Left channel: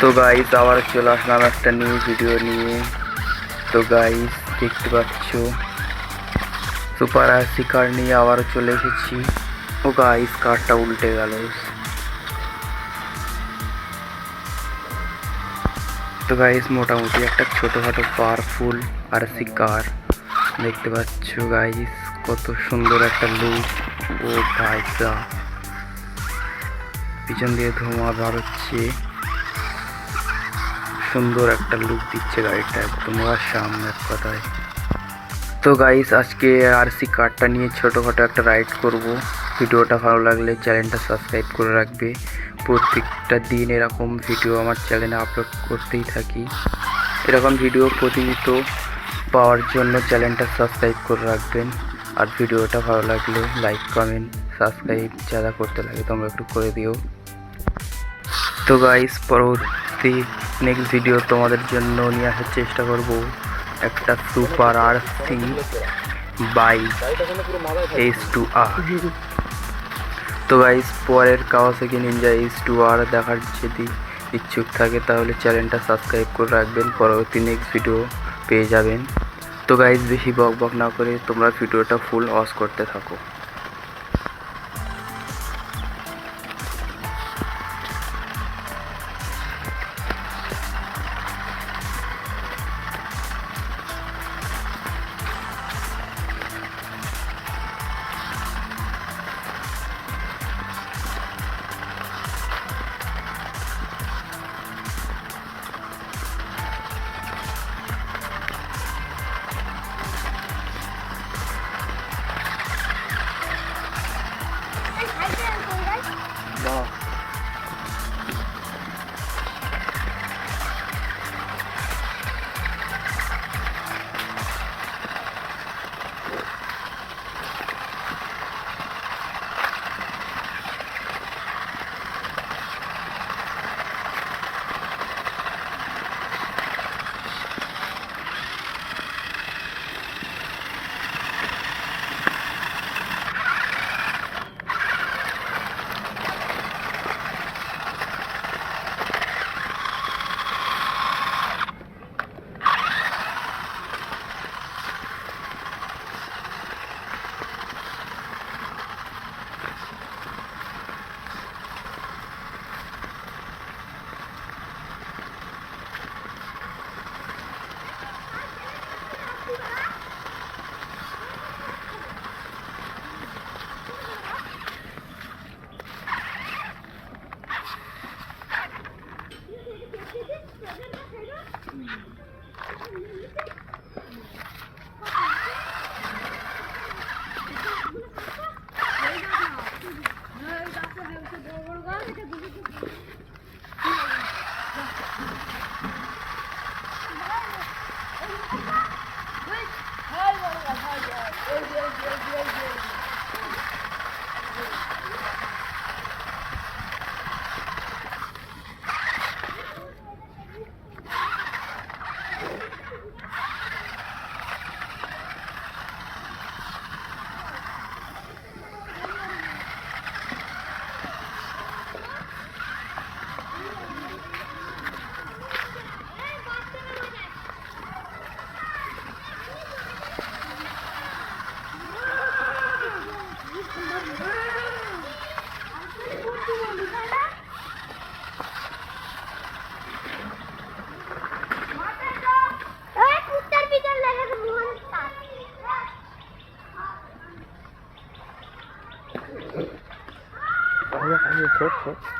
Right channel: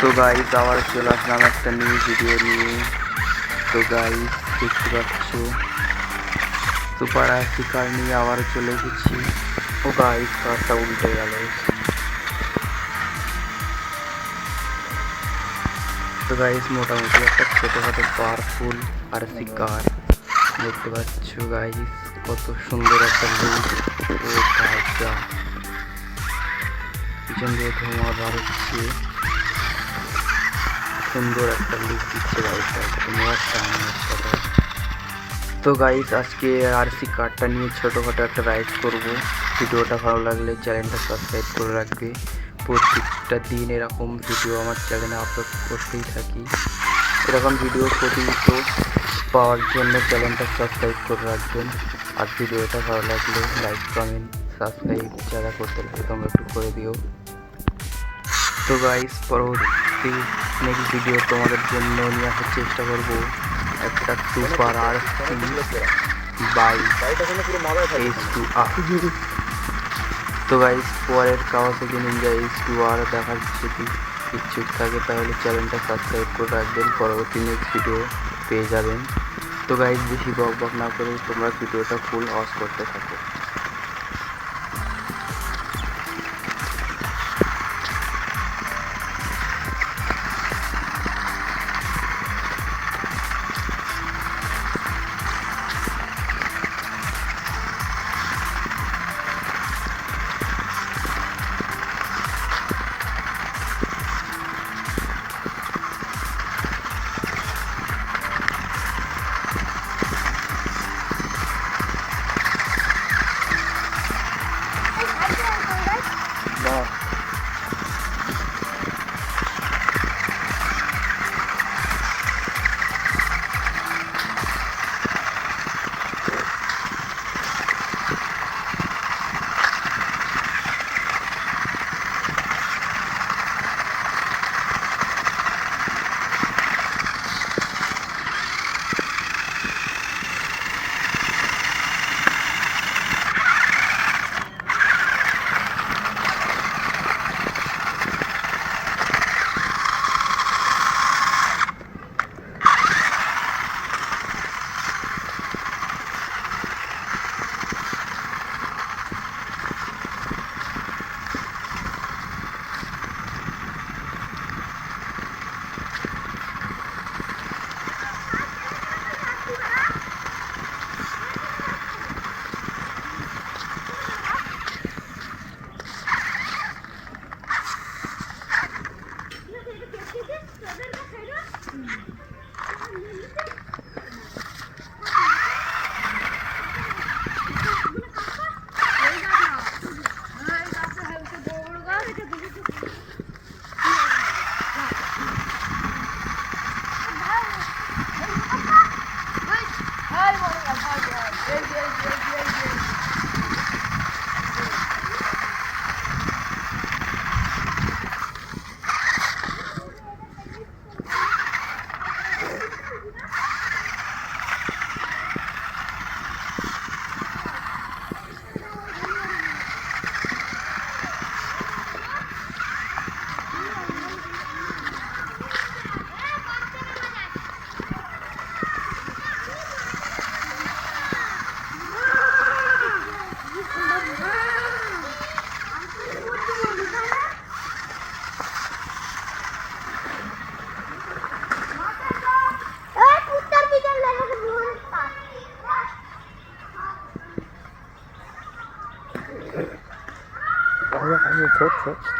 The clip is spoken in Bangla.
তো গাইস আবার চলে আসলাম একটা নিউ ভিডিও নিয়ে। তো গাইস দেখতে পাচ্ছ সুপার আরসি কার নিয়ে আবার চলে এসেছি। ও গাইস কারটা উল্টে গেল। তো গাইস মোটামুটি একটা ছোটোখাটো পাওয়ারফুল আরসি কার দেখতে পাচ্ছ গাইস, কত সুন্দর একটা লুক। ও গাইসা পিছন দিয়ে ধোঁয়া বার হচ্ছে, সুন্দর একটা লুক দিচ্ছে গাড়িটা একদম সামনের কথায়। তো গাইস আজকে আরসি কারটা নিয়ে ছোটোখাটো একটা রাইড করব। ভিডিওটা ভালো লাগলে চ্যানেলটা সাবস্ক্রাইব করে রাখবে। প্রত্যেকটা দিন এরকম ভিডিও আমার চ্যানেলে আপলোড করতেই থাকি। এরকম ভিডিও প্রতিনিয়ত পাওয়ার জন্য চ্যানেলটা সাবস্ক্রাইব করে রাখবেন। আর ভিডিওটা ভালো লাগলে লাইক কমেন্ট সাবস্ক্রাইব যারা করতে লাগে তোমরা একটু করে দিও। তো গাইস পরবর্তী নেক্সট ভিডিও তোমাদের জন্য নিয়ে আসার চেষ্টা করব একটা সুপার আরসি বাইক S2R। তো গাইস পরের কাওয়াসাকি নিনজা S2R দেখার যদি ইচ্ছুক থাকে তাহলে চ্যানেলটা সাবস্ক্রাইব করে রাখবেন, পরবর্তী নেক্সট ভিডিও পেয়ে যাবেন। তো গাইস বেশি বক বক না করে তোমরা ভিডিওটা ফুল ওয়াচ করতে থাকো। Ayo, ছোট